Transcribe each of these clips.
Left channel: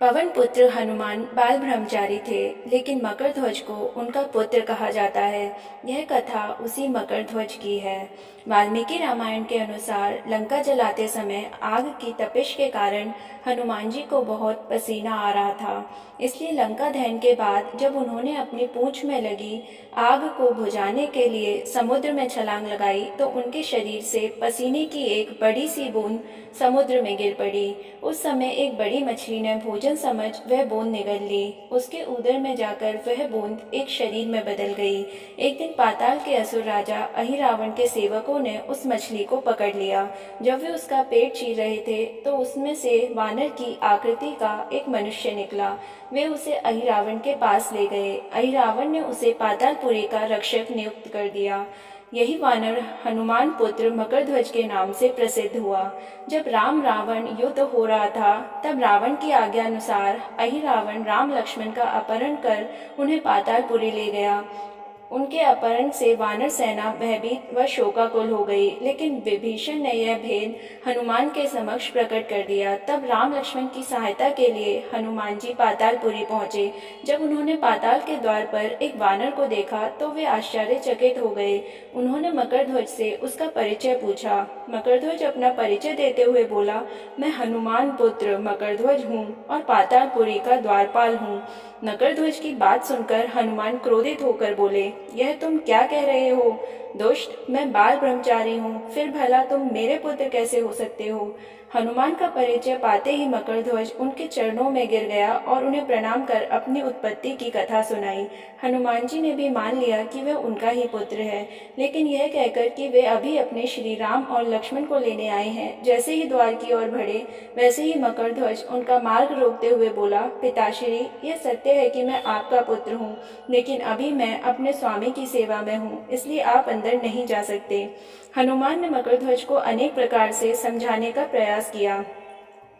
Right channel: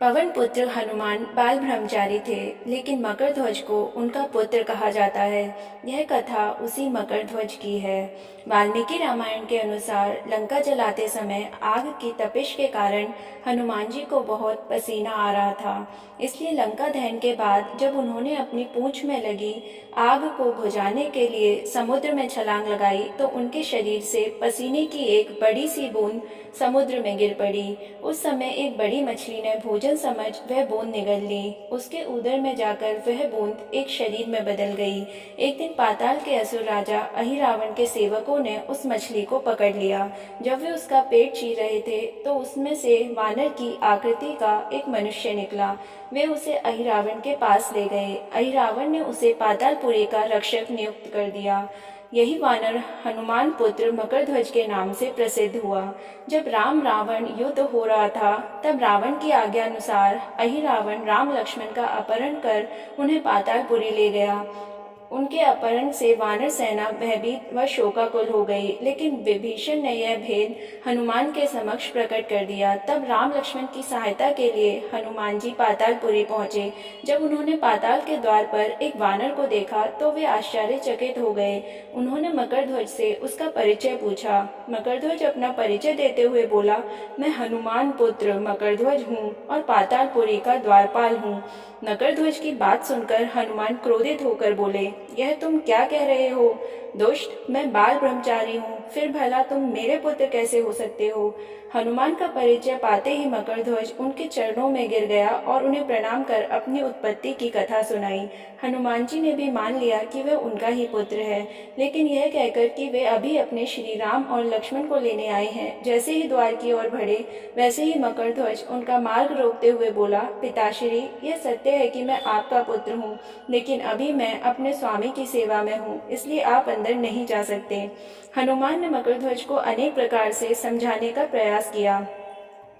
पवन पुत्र हनुमान बाल ब्रह्मचारी थे, लेकिन मकरध्वज को उनका पुत्र कहा जाता है। यह कथा उसी मकरध्वज की है। वाल्मीकि रामायण के अनुसार लंका जलाते समय आग की तपिश के कारण हनुमान जी को बहुत पसीना आ रहा था। इसलिए लंका दहन के बाद जब उन्होंने अपनी पूंछ में लगी आग को बुझाने के लिए समुद्र में छलांग लगाई तो उनके शरीर से पसीने की एक बड़ी सी बूंद समुद्र में गिर पड़ी। उस समय एक बड़ी मछली ने भोजन समझ वह बूंद निगल ली। उसके उदर में जाकर वह बूंद एक शरीर में बदल गई। एक दिन पाताल के असुर राजा अहिरावण के सेवकों ने उस मछली को पकड़ लिया। जब वे उसका पेट चीर रहे थे तो उसमें से वानर की आकृति का एक मनुष्य निकला। वे उसे अहिरावण के पास ले गए। अहिरावण ने उसे पातालपुरी का रक्षक नियुक्त कर दिया। यही वानर हनुमान पुत्र मकरध्वज के नाम से प्रसिद्ध हुआ। जब राम रावण युद्ध हो रहा था तब रावण की आज्ञा अनुसार अहिरावण राम लक्ष्मण का अपहरण कर उन्हें पातालपुरी ले गया। उनके अपहरण से वानर सेना भयभीत व शोकाकुल हो गई, लेकिन विभीषण ने यह भेद हनुमान के समक्ष प्रकट कर दिया। तब राम लक्ष्मण की सहायता के लिए हनुमान जी पातालपुरी पहुंचे। जब उन्होंने पाताल के द्वार पर एक वानर को देखा तो वे आश्चर्यचकित हो गए। उन्होंने मकरध्वज से उसका परिचय पूछा। मकरध्वज अपना परिचय देते हुए बोला, मैं हनुमान पुत्र मकरध्वज हूँ और पातालपुरी का द्वारपाल हूँ। मकरध्वज की बात सुनकर हनुमान क्रोधित होकर बोले, यह तुम क्या कह रहे हो? दुष्ट, मैं बाल ब्रह्मचारी हूँ, फिर भला तुम मेरे पुत्र कैसे हो सकते हो? हनुमान का परिचय पाते ही मकरध्वज उनके चरणों में गिर गया और उन्हें प्रणाम कर अपनी उत्पत्ति की कथा सुनाई। हनुमान जी ने भी मान लिया कि वह उनका ही पुत्र है, लेकिन यह कहकर कि वे अभी अपने श्री राम और लक्ष्मण को लेने आए हैं। जैसे ही द्वार की ओर बढ़े वैसे ही मकरध्वज उनका मार्ग रोकते हुए बोला, पिताश्री, यह सत्य है कि मैं आपका पुत्र हूँ, लेकिन अभी मैं अपने स्वामी की सेवा में हूँ, इसलिए आप अंदर नहीं जा सकते। हनुमान ने मकरध्वज को अनेक प्रकार से समझाने का प्रयास किया,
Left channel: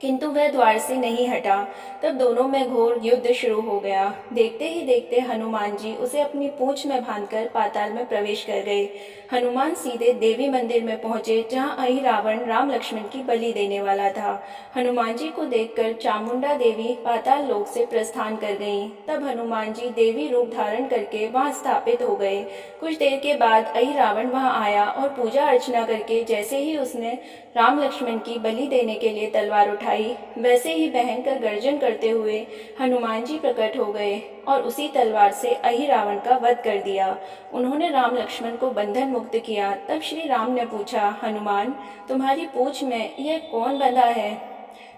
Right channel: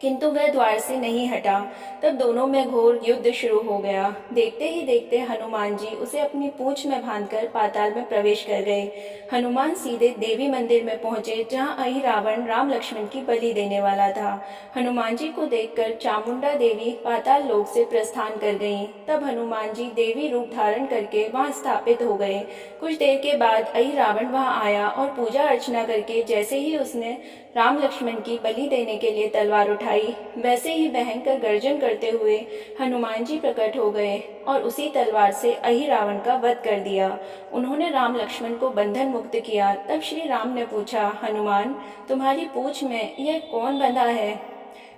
किंतु वह द्वार से नहीं हटा। तब दोनों में घोर युद्ध शुरू हो गया। देखते ही देखते हनुमान जी उसे अपनी पूंछ में बांधकर पाताल में प्रवेश कर गए। हनुमान सीधे देवी मंदिर में पहुंचे, जहां अहिरावण राम लक्ष्मण की बलि देने वाला था। हनुमान जी को देखकर चामुंडा देवी पाताल लोक से प्रस्थान कर गईं। तब हनुमान जी देवी रूप धारण करके वहां स्थापित हो गए। कुछ देर के बाद अहिरावण वहां आया और पूजा अर्चना करके जैसे ही उसने राम लक्ष्मण की बलि देने के लिए तलवार उठाई, वैसे ही भयंकर गर्जन करते हुए हनुमान जी प्रकट हो गए और उसी तलवार से अहिरावण का वध कर दिया। उन्होंने राम लक्ष्मण को बंधन मुक्त किया। तब श्री राम ने पूछा, हनुमान, तुम्हारी पूंछ में यह कौन बंधा है?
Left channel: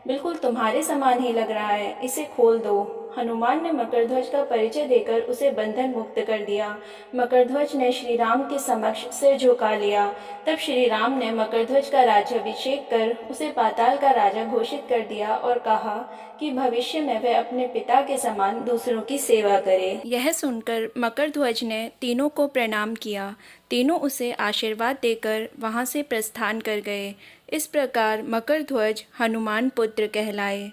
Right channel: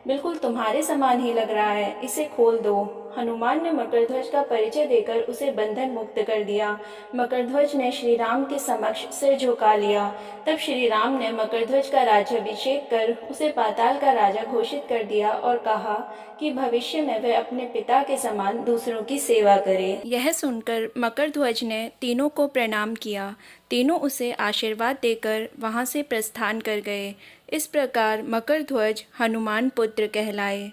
बिल्कुल तुम्हारे समान ही लग रहा है, इसे खोल दो। हनुमान ने मकरध्वज का परिचय देकर उसे बंधन मुक्त कर दिया। मकरध्वज ने श्री राम के समक्ष सिर झुका लिया। तब श्री राम ने मकरध्वज का राज्याभिषेक कर उसे पाताल का राजा घोषित कर दिया और कहा कि भविष्य में वह अपने पिता के समान दूसरों की सेवा करे। यह सुनकर मकरध्वज ने तीनों को प्रणाम किया। तीनों उसे आशीर्वाद देकर वहां से प्रस्थान कर गए। इस प्रकार मकरध्वज हनुमान पुत्र कहलाए।